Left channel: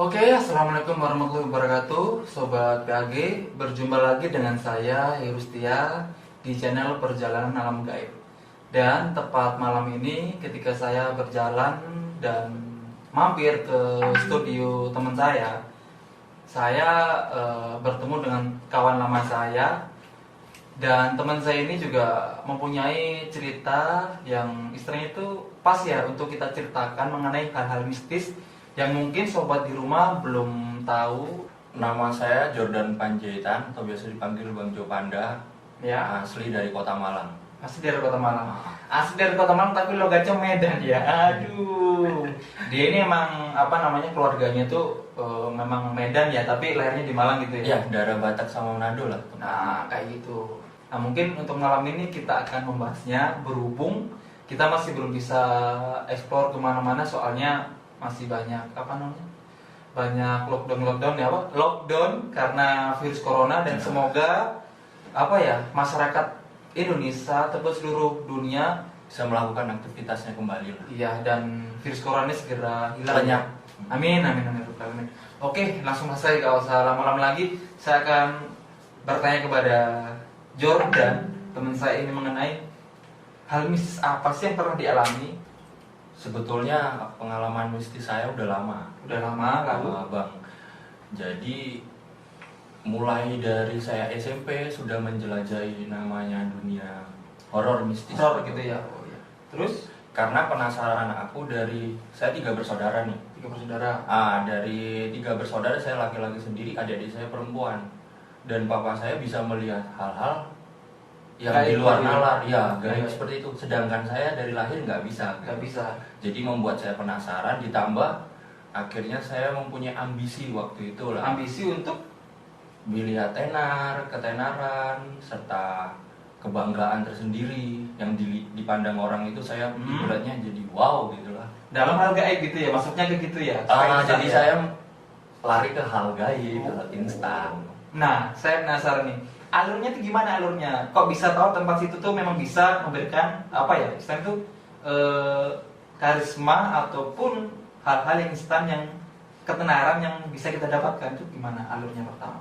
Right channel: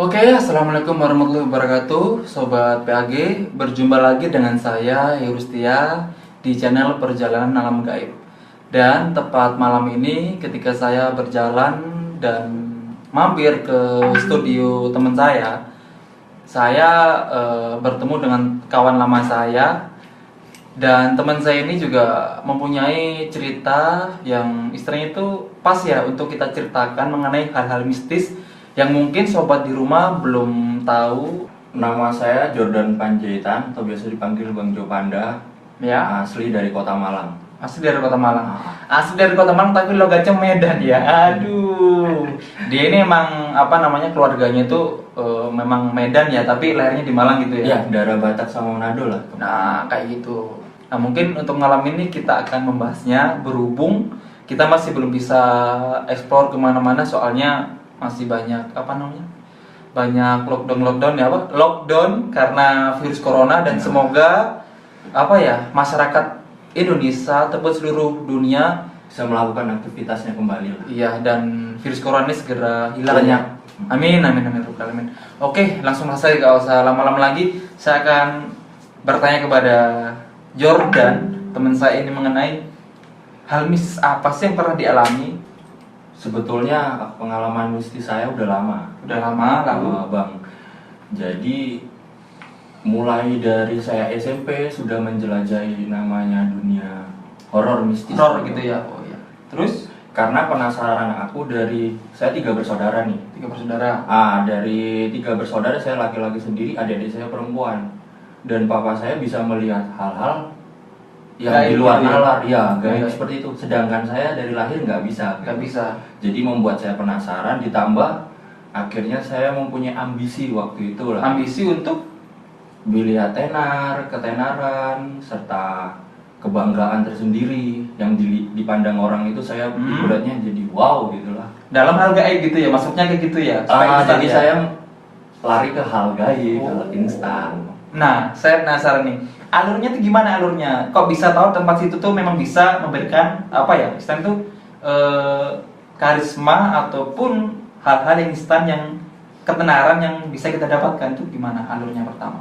Oke, assalamualaikum warahmatullahi wabarakatuh, Sobat PAG. Berjumpa lagi dengan saya, Yurustia, di channel Perjalanan Alam Gaib. Dan tepat malam ini, ketika saya berjalan dan mampir ke studio teman saya bertemu dengan kawan lama saya. Dan teman saya ini juga mempunyai cerita yang istilahnya itu pas ya untuk kita ceritakan mengenai hal-hal mistis yang mungkin sobat di rumah belum tahu. Nama saya Jordan Panjaitan atau biasa dipanggil Bang Jo Panda. Ya, Asli dari Kota Malang. asli dari Kota Malang. Ah. Asli dari Kota Malang tapi logatnya Medan ya. Aduh. Dia ini emang apa namanya keluarganya tuh memang Medan ya, tapi lahirnya di Malang gitu ya. Ya, daerah Batak sama Manado lah. Nah, kayak gitu. Nah, mungkin untuk malam ini kita akan membahasnya berhubung kita masih belum bisa explore kemana-mana soalnya masih banyak apa namanya banyak lockdown ya, apa lockdown karena virus corona. Dan semoga apa ya masyarakat Indonesia ataupun seluruh dunia Bisa melakukan aktivitasnya kembali lah. iya dan virus corona ini segera hilang ya. Amin amin amin rabbal alamin. Oke, langsung saja, gak usah lama-lama lagi. Saya akan bertanya kepada Jordan, teman saya ini, mengenai hal mistis apa sih yang pernah dialami. Sebetulnya pengalaman mistis saya udah lama. Udah lama lalu. Bang. Jadi mulai dari saya SMP sudah menjelajahi namanya dunia horor mistis. Horor gitu ya. Oh iya. Terus Karena penasaran aku saya 3 bersaudara nih. 3 bersaudara. Dari 3 bersaudara saya laki-laki sendiri, adik-adik saya perempuan. Dan papa saya bisa melihat hal-hal yang Gaib di luar gitu ya? nalar, ya gaib Gaib. seperti itu. Sedangkan saya dari lahir nggak bisa. Gak bisa. Jadi membuat saya penasaran, ditambah akhirnya saya mempunyai ambisi waktu itu lah. Ambisi untuk Melihat tenar, ketenaran, serta kebanggaan tersendiri yang dipandang orang itu saya ibaratnya jadi wow gitulah. dalam hal gaib gitu ya, maksudnya kayak gitu ya. Supaya instan Jadi ya? saya lari ke hal gaib, Oh. hal instan. Nah, saya penasaran nih. Alurnya tuh gimana alurnya? Kok bisa tahu tempat situ tuh memang bisa memberikan apa ya? Instan tuh karisma ataupun hal-hal yang instan yang ketenaran yang bisa kita dapatkan tuh gimana alurnya pertama?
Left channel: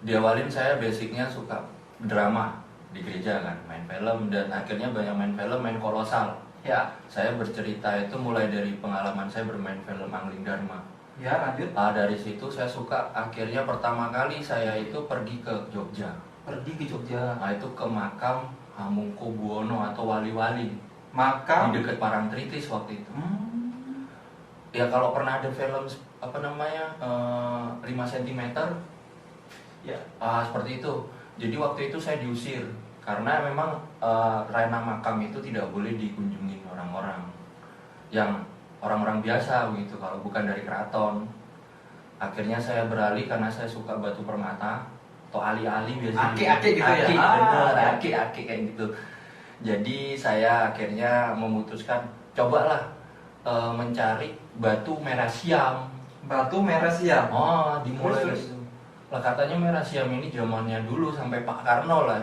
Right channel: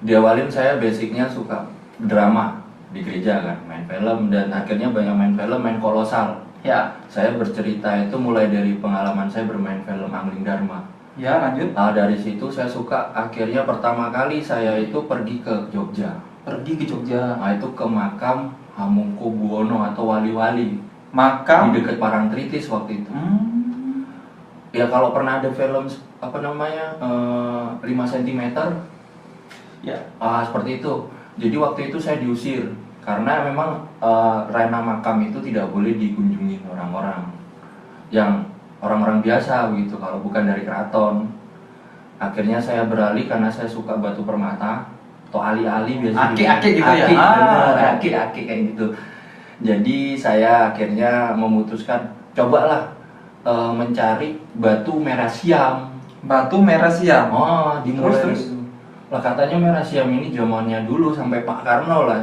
Diawalin saya basicnya suka drama di gereja kan, main film, dan akhirnya banyak main film, main kolosal. Ya, Saya bercerita itu mulai dari pengalaman saya bermain film Angling Dharma. ya lanjut. Dari situ saya suka, akhirnya pertama kali saya itu pergi ke Jogja. Pergi ke Jogja. Itu ke makam Hamengkubuwono atau wali-wali Makam. di dekat Parangtritis waktu itu. Ya kalau pernah ada film apa namanya 5 cm, Ya. seperti itu. Jadi waktu itu saya diusir karena memang rena makam itu tidak boleh dikunjungi orang-orang yang orang-orang biasa begitu kalau bukan dari keraton. Akhirnya saya beralih karena saya suka batu permata atau ali-ali biasanya. Aki-aki gitu ya? Benar, Ya. aki-aki kayak gitu. Jadi saya akhirnya memutuskan cobalah mencari batu merah siam. Batu merah siam. Dimulai Terus? gitu. Lah katanya merah siam ini zamannya dulu sampai Pak Karno lah,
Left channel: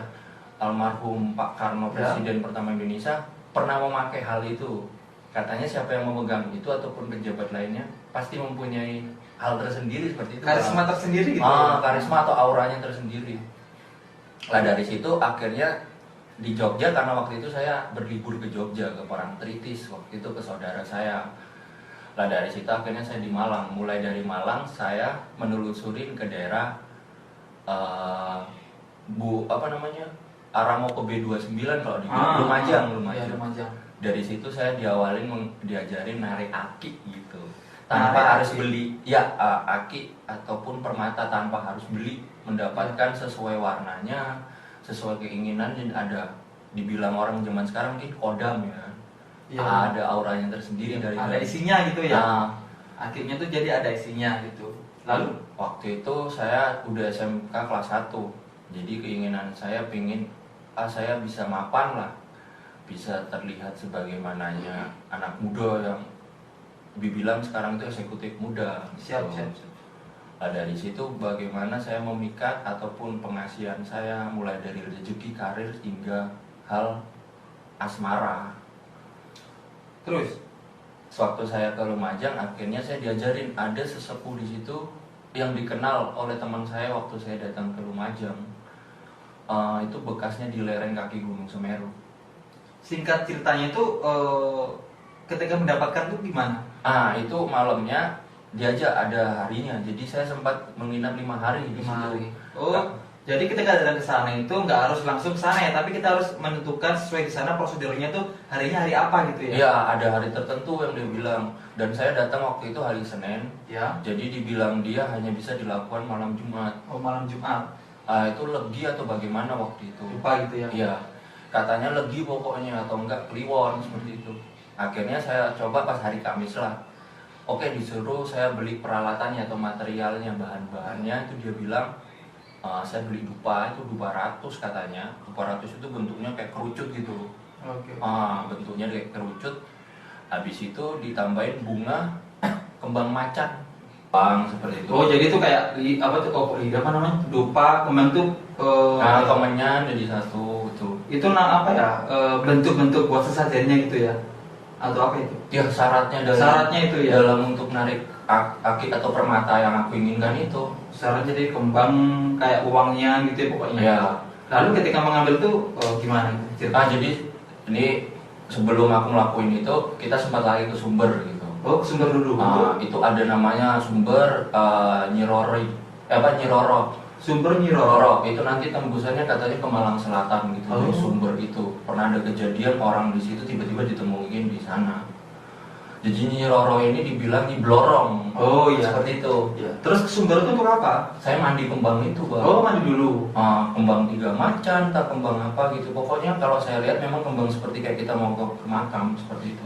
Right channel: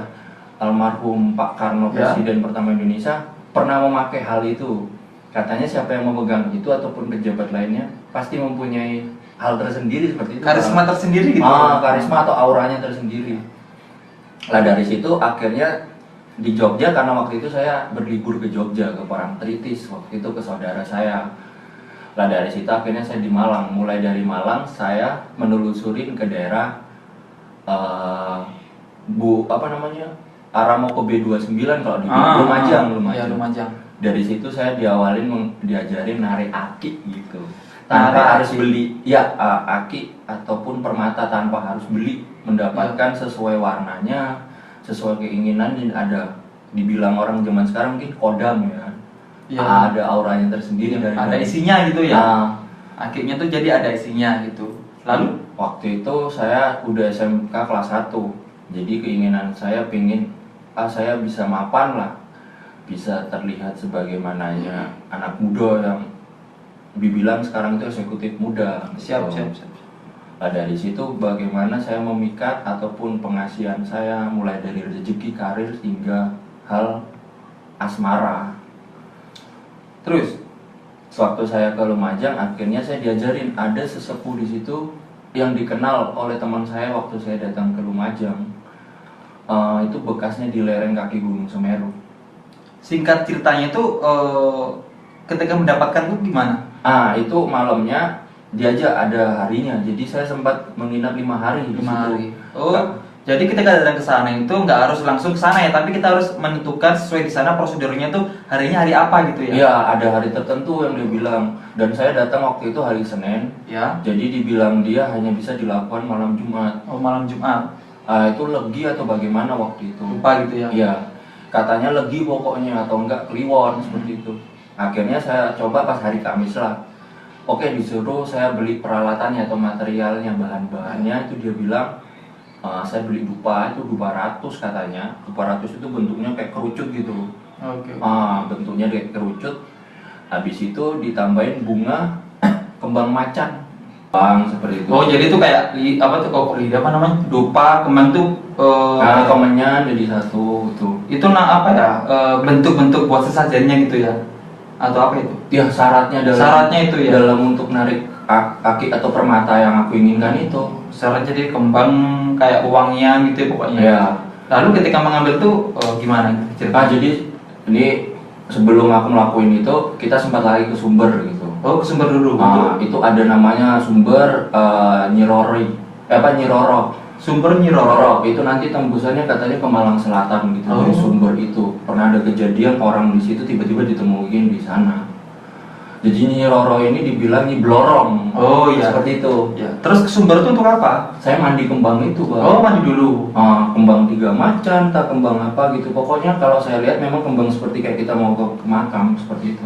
almarhum Pak Karno, Ya. Presiden pertama Indonesia, pernah memakai hal itu. Katanya siapa yang memegang itu ataupun pejabat lainnya pasti mempunyai hal tersendiri seperti itu. Karisma tersendiri gitu. Karisma atau auranya tersendiri. Lah dari situ akhirnya di Jogja, karena waktu itu saya berlibur ke Jogja ke Parangtritis waktu itu ke saudara saya. Lah dari situ akhirnya saya di Malang. Mulai dari Malang saya menelusurin ke daerah arah mau ke B29 kalau di Lumajang. Ya, Lumajang. Dari situ saya diawalin diajarin narik aki gitu. Narik Tanpa harus aki. beli. Ya, aki ataupun permata tanpa harus beli, mendapatkan sesuai warnanya, sesuai keinginan. Dan ada dibilang orang zaman sekarang mungkin kodam ya. Ya. Ada auranya tersendiri dari Ada isinya gitu ya. Nah, Akhirnya tuh jadi ada isinya gitu. Lalu waktu itu saya udah SMK kelas 1. Jadi keinginan saya pingin saya bisa mapan lah, bisa terlihat sebagaimananya anak muda yang dibilang sekarang itu eksekutif muda. siap. Nah, dari situ bagaimana saya memikat ataupun pengasihan saya mulai dari rezeki, karir hingga hal asmara. Terus sewaktu saya ke Lumajang, akhirnya saya diajarin ada sesepuh di situ yang dikenal oleh teman saya waktu saya datang ke Lumajang. Itu bekasnya di lereng kaki Gunung Semeru. Singkat ceritanya itu ketika mendapatkan tuh gimana? Itu malamnya dia aja ada harinya, jadi saya sempat menginap 5 hari di 5 situ. hari. Jadi ketika datang ke sana itu nggak harus langsung ke sana ya, tapi kita harus menentukan sesuai di sana prosedurnya tuh harinya hari apa gitu ya? Iya, ada hari tertentu yang dia bilang. Dan saya datang waktu itu hari Senin. Ya. Jadi dibilang dia hanya bisa dilakukan malam Jumat. Oh, malam Jumat. Itu legi atau bagaimana waktu itu? Lupa gitu ya? Iya, katanya legi pokoknya atau enggak kliwon seperti itu. Akhirnya saya coba pas hari Kamis lah. Oke, disuruh saya beli peralatannya atau materialnya, bahan-bahannya. Itu dia bilang saya beli dupa, itu 200 katanya. 200 itu bentuknya kayak kerucut gitu. Oke. Bentuknya kayak kerucut. Habis itu ditambahin bunga kembang macan. Seperti itu. Oh, jadi itu kayak apa tuh kok lidah apa namanya? Dupa, kembang tuh kemenyan jadi satu gitu. itu apa ya? Bentuk-bentuk buat sesajennya gitu ya? Atau apa itu? Ya, syaratnya itu ya. dalam untuk narik kaki atau permata yang aku inginkan itu. Syaratnya jadi kembang kayak uangnya gitu ya pokoknya. Ya. Lalu ketika mengambil tuh gimana ceritanya? Jadi ini sebelum aku ngelakuin itu kita sempat lagi ke sumber gitu. Oh, ke sumber dulu. Itu ada namanya sumber Nyiroro. Sumber Nyiroro. Itu nanti tembusannya katanya ke Malang Selatan gitu. Oh. Dari sumber itu pernah ada kejadian orang di situ tiba-tiba ditemuin di sana. Jadi Nyiroro ini dibilang Nyi Blorong. Oh iya. Seperti itu. Ya. Terus ke sumber itu untuk apa? Saya mandi kembang itu, Bang. Oh, mandi dulu. Kembang 3 macan, tak kembang apa gitu. Pokoknya kalau saya lihat memang kembang seperti kayak kita mau ke makam seperti itu.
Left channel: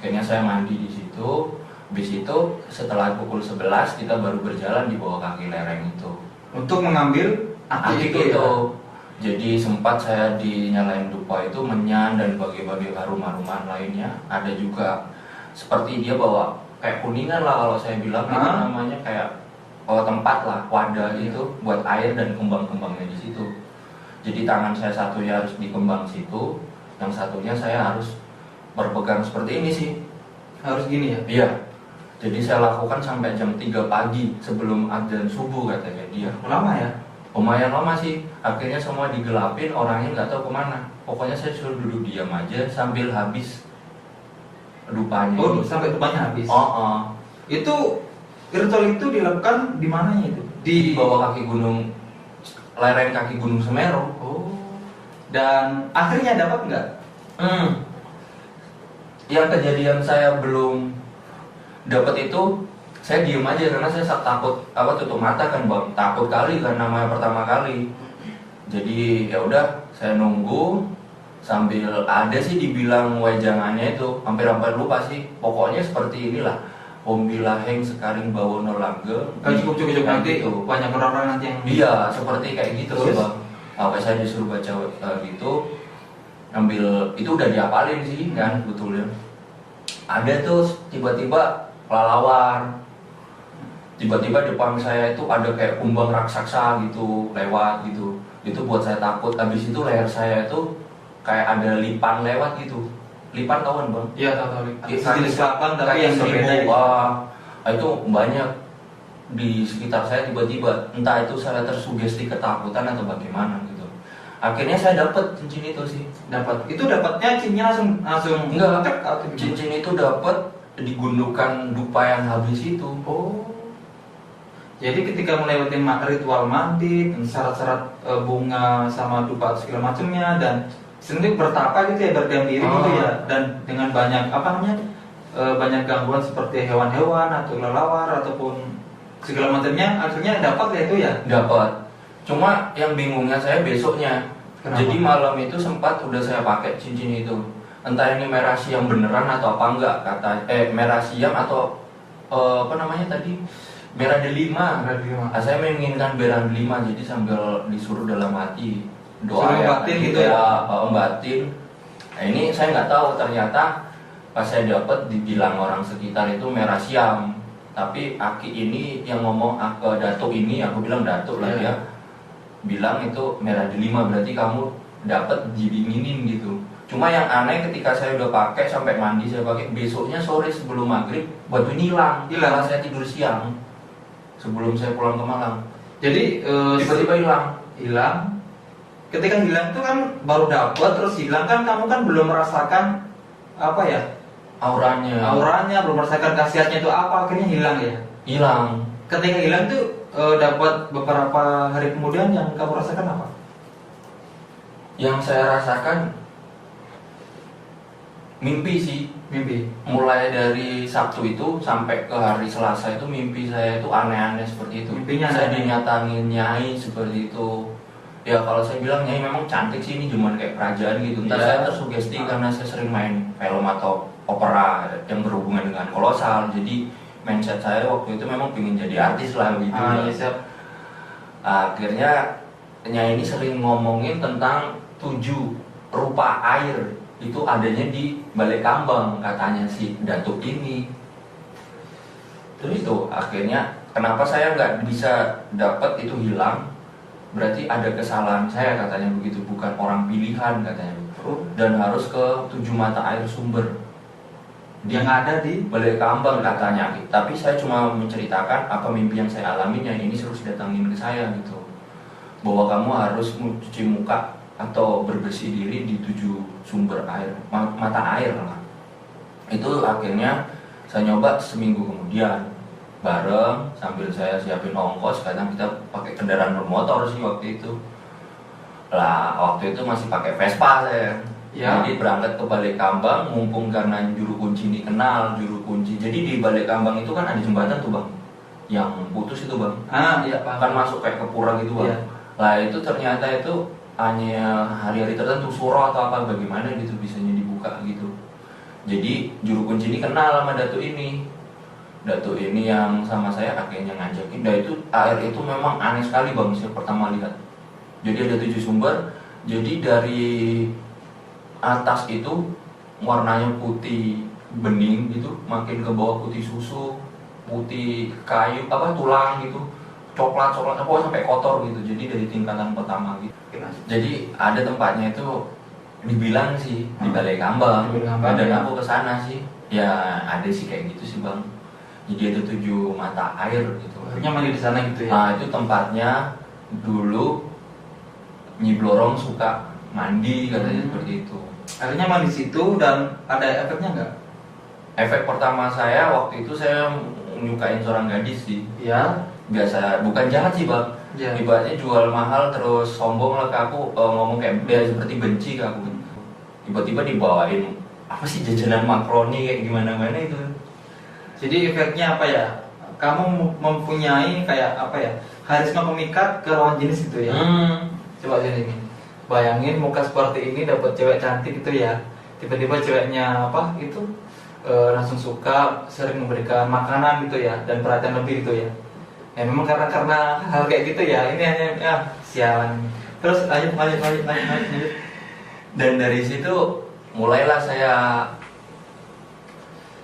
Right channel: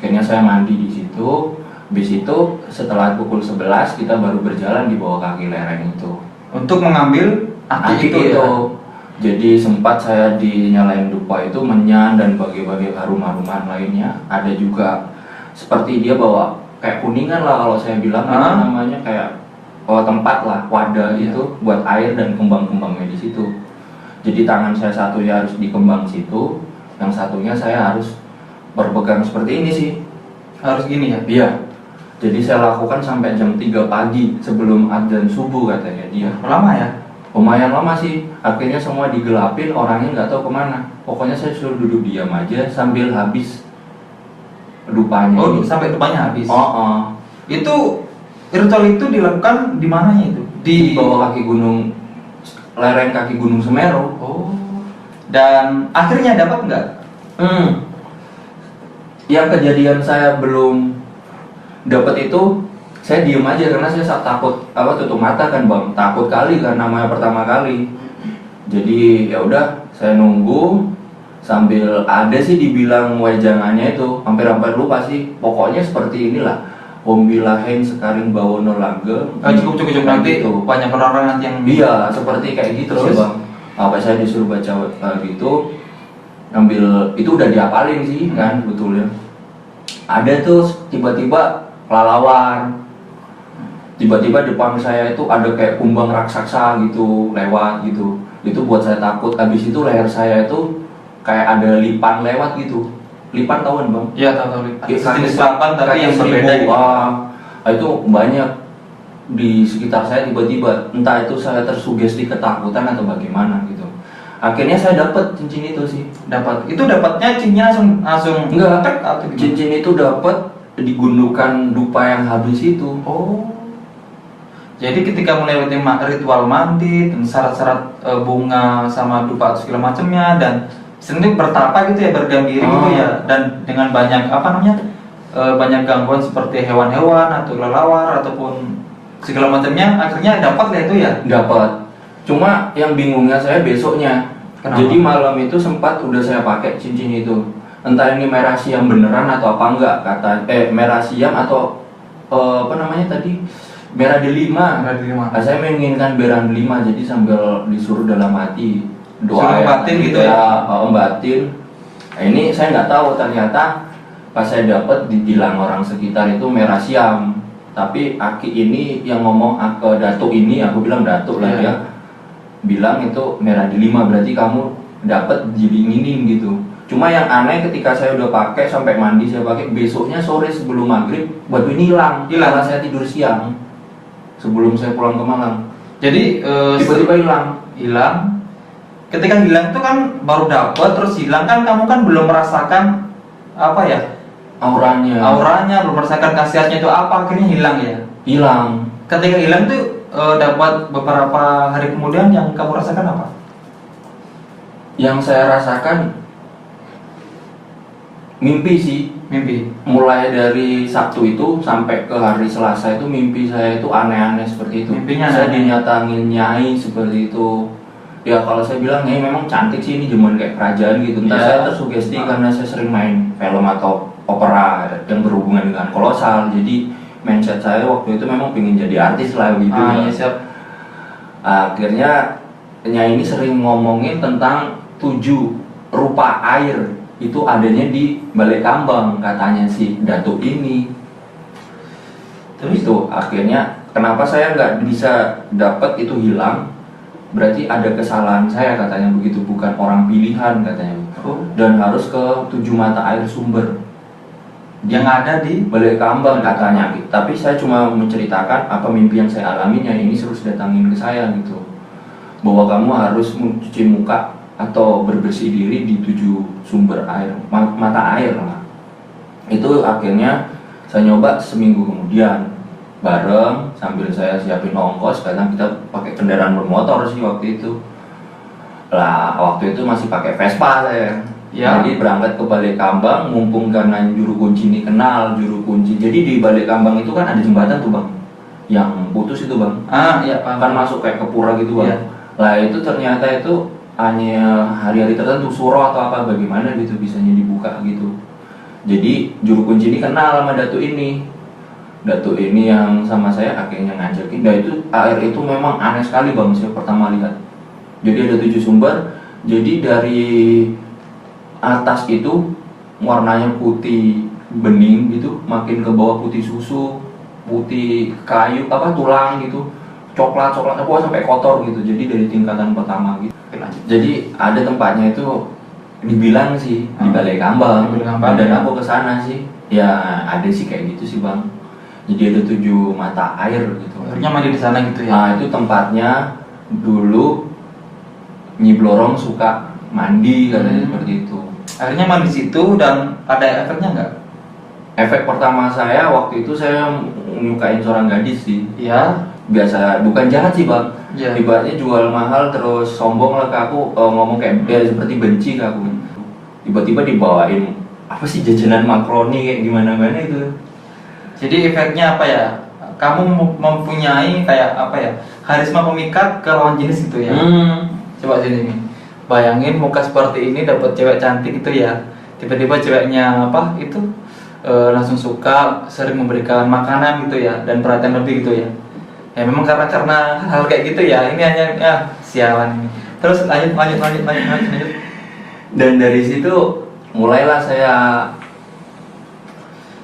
Akhirnya saya mandi di situ. Habis itu setelah pukul 11 kita baru berjalan di bawah kaki lereng itu. Untuk mengambil Akik itu. ya? Jadi sempat saya dinyalain dupa itu, menyan dan bagai-bagai harum-haruman lainnya. Ada juga seperti dia bawa kayak kuningan lah kalau saya bilang itu namanya kayak tempat lah, wadah itu buat air dan kembang-kembangnya di situ. Jadi tangan saya satunya harus di kembang situ, yang satunya saya harus berpegang seperti ini sih. Harus gini ya? Iya. Jadi saya lakukan sampai jam 3 pagi sebelum adzan subuh katanya dia. Lama ya? Lumayan lama sih. Akhirnya semua digelapin, orangnya nggak tahu kemana. Pokoknya saya suruh duduk diam aja sambil habis dupanya. Oh, ini. sampai dupanya habis. Oh. Itu ritual itu dilakukan di mananya itu? Di bawah kaki gunung, lereng kaki Gunung Semeru. Oh. Dan akhirnya dapat nggak? Yang kejadian saya belum dapat itu, saya diem aja karena saya takut tutup mata kan Bang, takut kali karena namanya pertama kali. Jadi ya udah saya nunggu sambil ada sih dibilang wejangannya itu hampir lupa sih, pokoknya seperti inilah Hombilaheng Sekaring Bawono Langgeng. Cukup nanti gitu. Banyak orang nanti yang Iya seperti kayak gitu sih Bang. Apa saya disuruh baca gitu, ambil itu udah diapalin sih kan betulnya. Ada tuh tiba-tiba kelelawar, tiba-tiba depan saya itu ada kayak kumbang raksasa gitu lewat gitu. Itu buat saya takut. Habis itu leher saya itu kayak ada lipan lewat gitu. Lipan tahu kan Bang? Iya tahu lipan. Jenis lipan tapi yang berbeda gitu. Itu banyak di sekitar saya tiba-tiba. Entah itu saya tersugesti ketakutan atau bagaimana gitu. Akhirnya saya dapat cincin itu sih. Itu dapatnya cincinnya langsung enggak tek atau gimana? Cincin itu dapat digundukan dupa yang habis itu. Oh. Jadi ketika melewati ritual mandi dan syarat-syarat bunga sama dupa atau segala macamnya dan sendiri bertapa gitu ya, berdiam diri gitu ya, dan dengan banyak banyak gangguan seperti hewan-hewan atau kelelawar ataupun segala macamnya, akhirnya dapat lah itu ya? Dapat. Cuma yang bingungnya saya besoknya. Kenapa? Jadi malam itu sempat udah saya pakai cincin itu. Entah ini merah siam beneran atau apa enggak, merah siam atau merah delima. Saya menginginkan merah delima, jadi sambil disuruh dalam hati doa batin gitu ya, batin. Nah, ini saya nggak tahu, ternyata pas saya dapat dibilang orang sekitar itu merah siam. Tapi Aki ini yang ngomong ke datuk ini, aku bilang datuk lah ya, bilang itu merah delima, berarti kamu dapat didinginin gitu. Cuma yang aneh ketika saya udah pakai sampai mandi saya pakai, besoknya sore sebelum maghrib batu ini hilang setelah saya tidur siang sebelum saya pulang ke Malang. Jadi Tiba-tiba hilang. Ketika hilang itu kan baru dapet terus hilang kan, kamu kan belum merasakan apa ya, auranya, belum merasakan khasiatnya itu apa, akhirnya hilang ya. Hilang. Ketika hilang tuh dapat beberapa hari kemudian, yang kamu rasakan apa? Yang saya rasakan mimpi sih. Mimpi. Mulai dari Sabtu itu sampai ke hari Selasa itu mimpi saya itu aneh-aneh seperti itu. Mimpinya saya aneh. dinyatangin Nyai seperti itu. Ya kalau saya bilang Nyai memang cantik sih, ini cuman kayak kerajaan gitu. Entah Ya. saya tersugesti karena saya sering main film atau opera yang berhubungan dengan kolosal. Jadi mindset saya waktu itu memang pengen jadi artis lah gitu. Iya, siap. Akhirnya Nyai ini sering ngomongin tentang 7 rupa air itu adanya di Balai Kambang katanya si Datuk ini. Terus itu akhirnya kenapa saya nggak bisa dapat itu hilang, berarti ada kesalahan saya katanya begitu, bukan orang pilihan katanya. Dan harus ke 7 mata air sumber Yang ada di Balai Kambang katanya. Tapi saya cuma menceritakan apa mimpi yang saya alami, Nyai ini terus datangin ke saya gitu, bahwa kamu harus mencuci muka atau berbersih diri di 7 sumber air, mata air lah. Itu akhirnya saya nyoba seminggu kemudian bareng, sambil saya siapin ongkos, kadang kita pakai kendaraan bermotor sih waktu itu. Lah waktu itu masih pakai Vespa saya. Ya. Jadi berangkat ke Balai Kambang, mumpung karena juru kunci ini kenal juru kunci. Jadi di Balai Kambang itu kan ada jembatan tuh bang, yang putus itu bang. Iya, paham. Kan masuk kayak ke pura gitu bang. Iya. Lah itu ternyata itu hanya hari-hari tertentu, suro atau apa bagaimana gitu bisanya dibuka gitu. Jadi juru kunci ini kenal sama Datuk ini. Datuk ini yang sama saya akhirnya ngajakin. Dan itu air itu memang aneh sekali bang, saya pertama lihat. Jadi ada 7 sumber. Jadi dari atas itu warnanya putih bening gitu, makin ke bawah putih susu, putih kayu apa tulang gitu, coklat apa sampai kotor gitu. Jadi dari tingkatan pertama gitu. Jadi ada tempatnya itu dibilang sih di Balai Kambang. Di Balai Kambang, Dan ya. aku kesana sih, ya ada sih kayak gitu sih bang. Jadi ada 7 mata air gitu. Akhirnya mandi di sana gitu ya. Nah itu tempatnya dulu Nyi Blorong suka mandi katanya seperti itu. Akhirnya mandi di situ dan ada efeknya nggak? Efek pertama saya waktu itu saya menyukain seorang gadis sih. Iya. Biasa, bukan jahat sih bang. Iya. Ibaratnya jual mahal terus sombong lah ke aku, ngomong kayak ya, seperti benci ke aku. Tiba-tiba dibawain apa sih jajanan makroni kayak gimana-mana itu. Jadi efeknya apa ya? Kamu mempunyai kayak apa ya? Karisma pemikat ke lawan jenis gitu ya. Coba sini. Bayangin muka seperti ini dapat cewek cantik gitu ya. Tiba-tiba ceweknya apa itu langsung suka, sering memberikan makanan gitu ya dan perhatian lebih gitu ya. Ya memang karena hal kayak gitu ya. Ini hanya ya sialan ini. Terus lanjut. Dan dari situ mulailah saya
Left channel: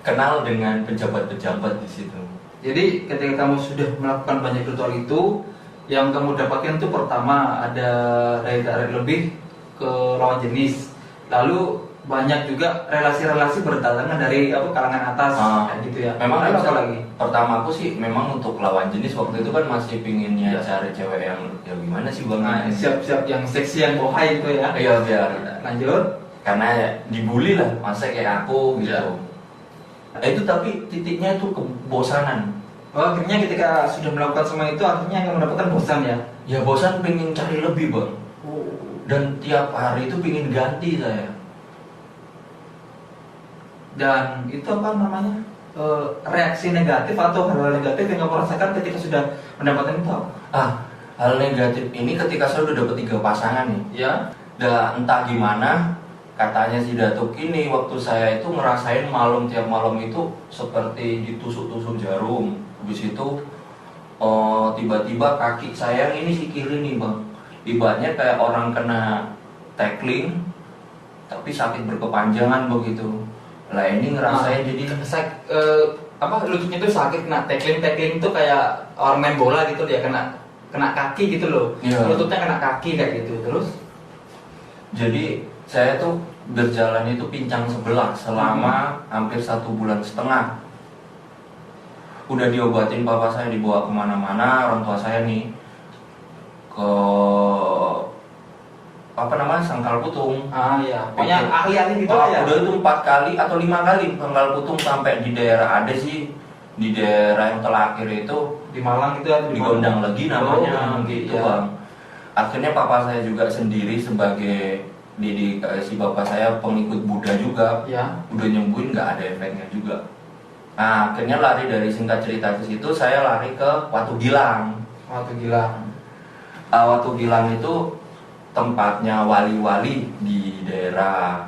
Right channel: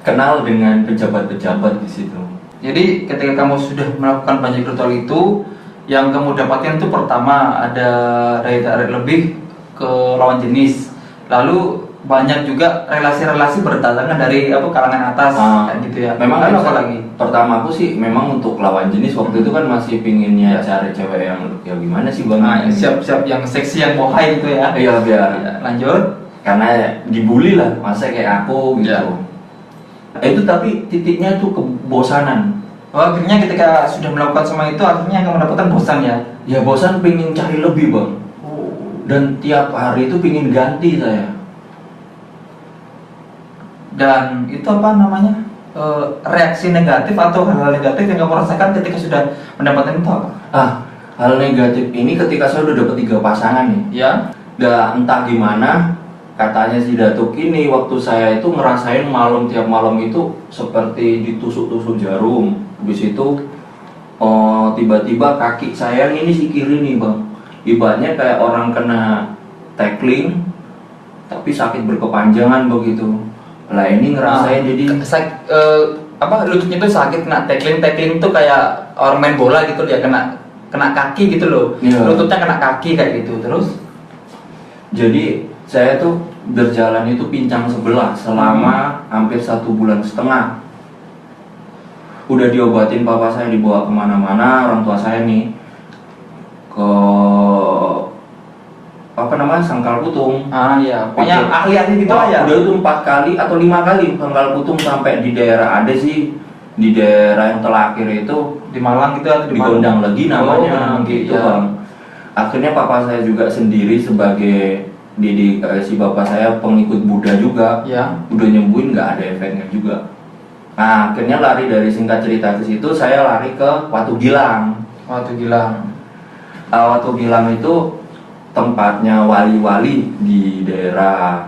kenal dengan pejabat-pejabat di situ. Jadi ketika kamu sudah melakukan banyak ritual itu, yang kamu dapatkan itu pertama ada daya tarik lebih ke lawan jenis. Lalu banyak juga relasi-relasi berdatangan dari kalangan atas kayak gitu ya. Memang lalu apa saya- lagi? Pertama aku sih memang untuk lawan jenis waktu itu kan masih pinginnya cari cewek yang ya gimana sih bang? Siap-siap yang seksi, yang bohai gitu ya. Iya biar Ya, lanjut. karena dibully lah masa kayak aku gitu. Ya. Itu tapi titiknya itu kebosanan. Akhirnya ketika sudah melakukan semua itu, akhirnya kamu mendapatkan bosan ya. Ya bosan pengen cari lebih bang. Dan tiap hari itu pengen ganti saya. Dan itu apa namanya? Reaksi negatif atau hal-hal negatif yang kamu rasakan ketika sudah mendapatkan itu apa? Hal negatif ini ketika saya udah dapet 3 pasangan nih. Ya. Dan entah gimana katanya si Datuk ini waktu saya itu ngerasain tiap malam itu seperti ditusuk-tusuk jarum. Habis itu tiba-tiba kaki saya ini si kiri nih bang, ibaratnya kayak orang kena tackling tapi sakit berkepanjangan begitu. Lah ini ngerasain jadi lututnya tuh sakit, kena tackling tuh kayak orang main bola gitu ya, kena kaki gitu loh. Iya. Lututnya kena kaki kayak gitu. Terus jadi saya tuh berjalan itu pincang sebelah selama hampir 1,5 bulan. Udah diobatin, papa saya dibawa kemana-mana, orang tua saya nih ke Sangkal Putung. Ya, pokoknya ahli-ahli gitu Wah, lah ya. udah itu 4 kali atau 5 kali Sangkal Putung, sampai di daerah ada sih, di daerah yang terakhir itu Di Malang gitu atau di Gondang Legi namanya, gitu gitu ya. bang. Akhirnya papa saya juga sendiri sebagai si bapak saya pengikut Buddha juga, Ya. udah nyembuhin nggak ada efeknya juga. Nah, akhirnya lari dari singkat cerita ke situ, saya lari ke Watu Gilang. Watu Gilang. Watu Gilang itu tempatnya wali-wali di daerah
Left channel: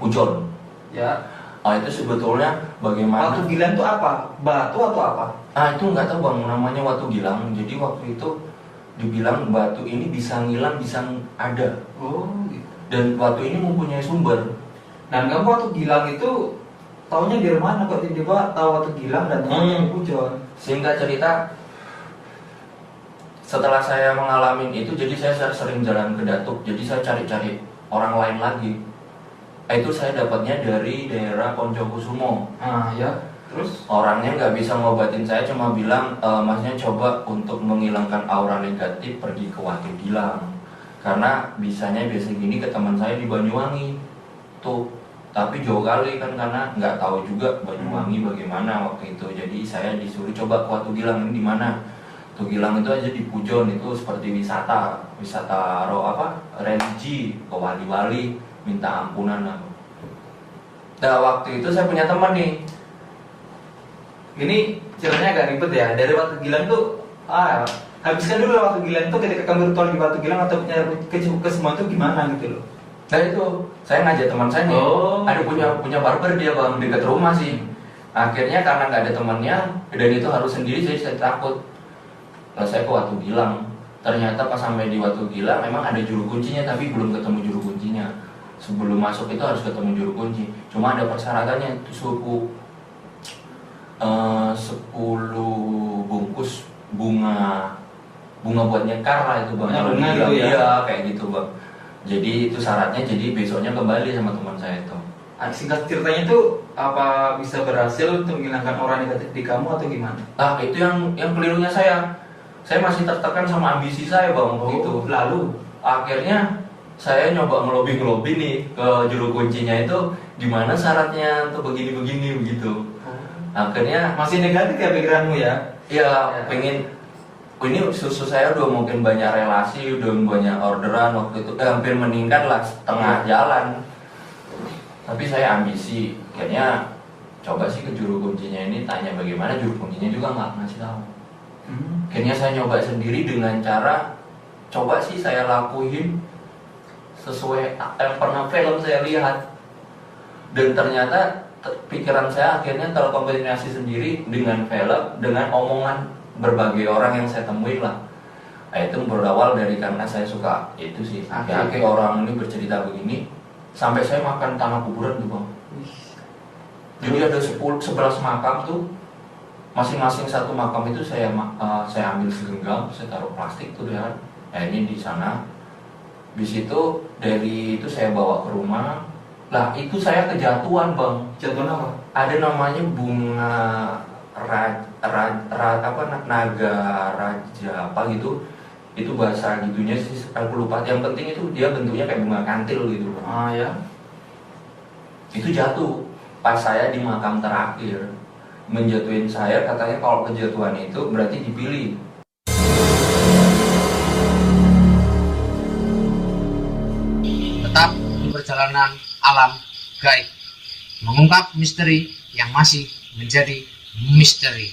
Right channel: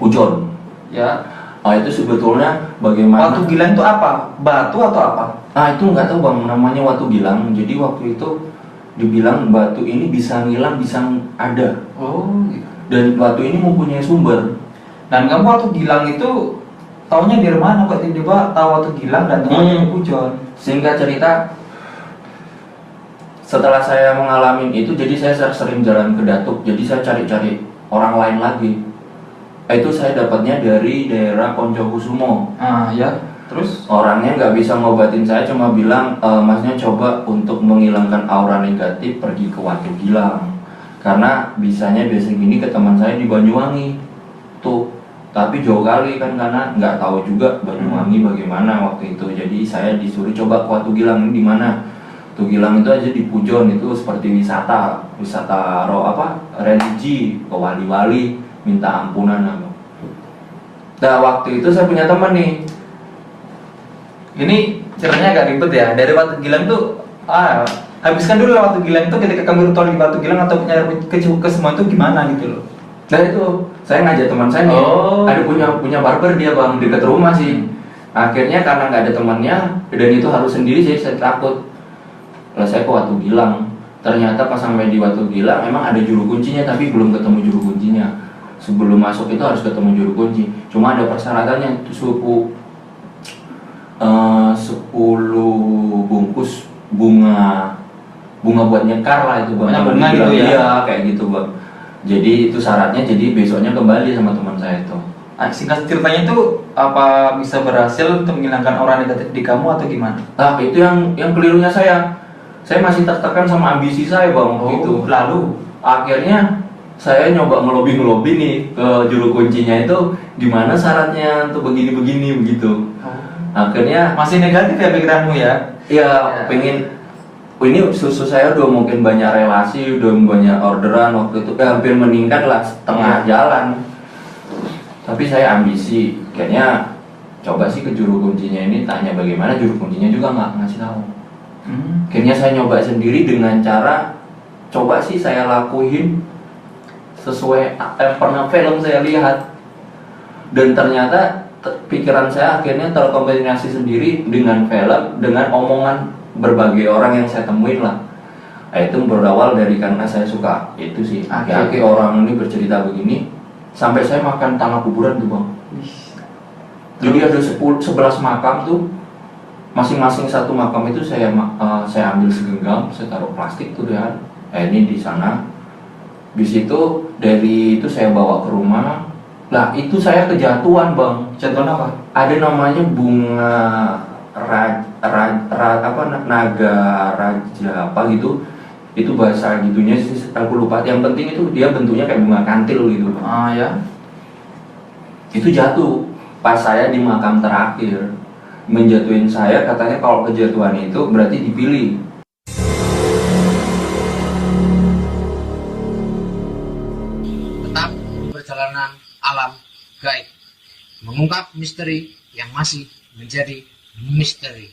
Pujon. Ya. Itu sebetulnya bagaimana? Watu Gilang itu apa? Batu atau apa? Itu nggak tahu bang, namanya Watu Gilang. Jadi waktu itu dibilang batu ini bisa ngilang, bisa ada. Oh, gitu. Dan batu ini mempunyai sumber. Dan kamu Watu Gilang itu taunya dari mana kok tiba-tiba tahu Watu Gilang dan tempatnya di Pujon? Singkat cerita, setelah saya mengalami itu, jadi saya sering jalan ke Datuk. Jadi saya cari-cari orang lain lagi. Itu saya dapatnya dari daerah Koncokusumo. Ya. Terus? Orangnya nggak bisa ngobatin saya, cuma bilang, masnya coba untuk menghilangkan aura negatif pergi ke Watu Gilang. Karena biasanya gini ke teman saya di Banyuwangi tuh, tapi jauh kali kan, karena nggak tahu juga Banyuwangi bagaimana waktu itu. Jadi saya disuruh coba ke Watu Gilang. Ini di mana? Watu Gilang itu aja di Pujon, itu seperti wisata religi, ke wali-wali minta ampunan. Nah waktu itu saya punya teman nih. Ini ceritanya agak ribet ya. Dari Watu Gilang tuh, habiskan dulu lah Watu Gilang itu, ketika kamu ritual di Watu Gilang atau nyari ke semua itu gimana gitu loh. Nah itu, saya ngajak teman saya nih, ada punya barber dia bang, dekat rumah sih. Akhirnya karena nggak ada temannya, dan itu harus sendiri, saya takut. Lalu saya ke Watu Gilang. Ternyata pas sampai di Watu Gilang, emang ada juru kuncinya, tapi belum ketemu juru kuncinya. Sebelum masuk itu harus ketemu juru kunci. Cuma ada persyaratannya, itu 10 bungkus bunga buat nyekar lah itu bang. Bunga gitu ya? Iya kayak gitu bang. Jadi itu syaratnya, jadi besoknya kembali sama teman saya itu. Singkat ceritanya itu apa bisa berhasil untuk menghilangkan aura negatif di kamu atau gimana? Itu yang kelirunya saya masih tertekan sama ambisi saya bang waktu itu. Lalu akhirnya saya nyoba ngelobi nih ke juru kuncinya itu, gimana syaratnya untuk begini begitu. Akhirnya masih negatif ya pikiranmu ya? Iya, pengen ini susu saya udah mungkin banyak relasi, udah banyak orderan waktu itu, hampir meningkat lah setengah jalan. Tapi saya ambisi, akhirnya coba sih ke juru kuncinya ini, tanya bagaimana, juru kuncinya juga nggak ngasih tahu. Akhirnya saya nyoba sendiri dengan cara coba sih saya lakuin sesuai pernah film saya lihat, dan ternyata pikiran saya akhirnya terkombinasi sendiri dengan film, dengan omongan berbagai orang yang saya temuin lah. Itu berawal dari karena saya suka itu sih. Kayak orang ini bercerita begini, sampai saya makan tanah kuburan tuh bang. Jadi ada 11 makam tuh, masing-masing satu makam itu saya ambil segenggam, saya taruh plastik tuh ya. Ini di sana. Di situ dari itu saya bawa ke rumah. Lah itu saya kejatuhan bang. Jatuhan apa? Ada namanya bunga naga raja apa gitu. Itu bahasa gitunya sih, aku lupa. Yang penting itu dia bentuknya kayak bunga kantil gitu. Ya. Itu jatuh pas saya di makam terakhir. Menjatuhin saya, katanya kalau kejatuhan itu berarti dipilih. Tetap di perjalanan alam gaib, mengungkap misteri yang masih menjadi misteri.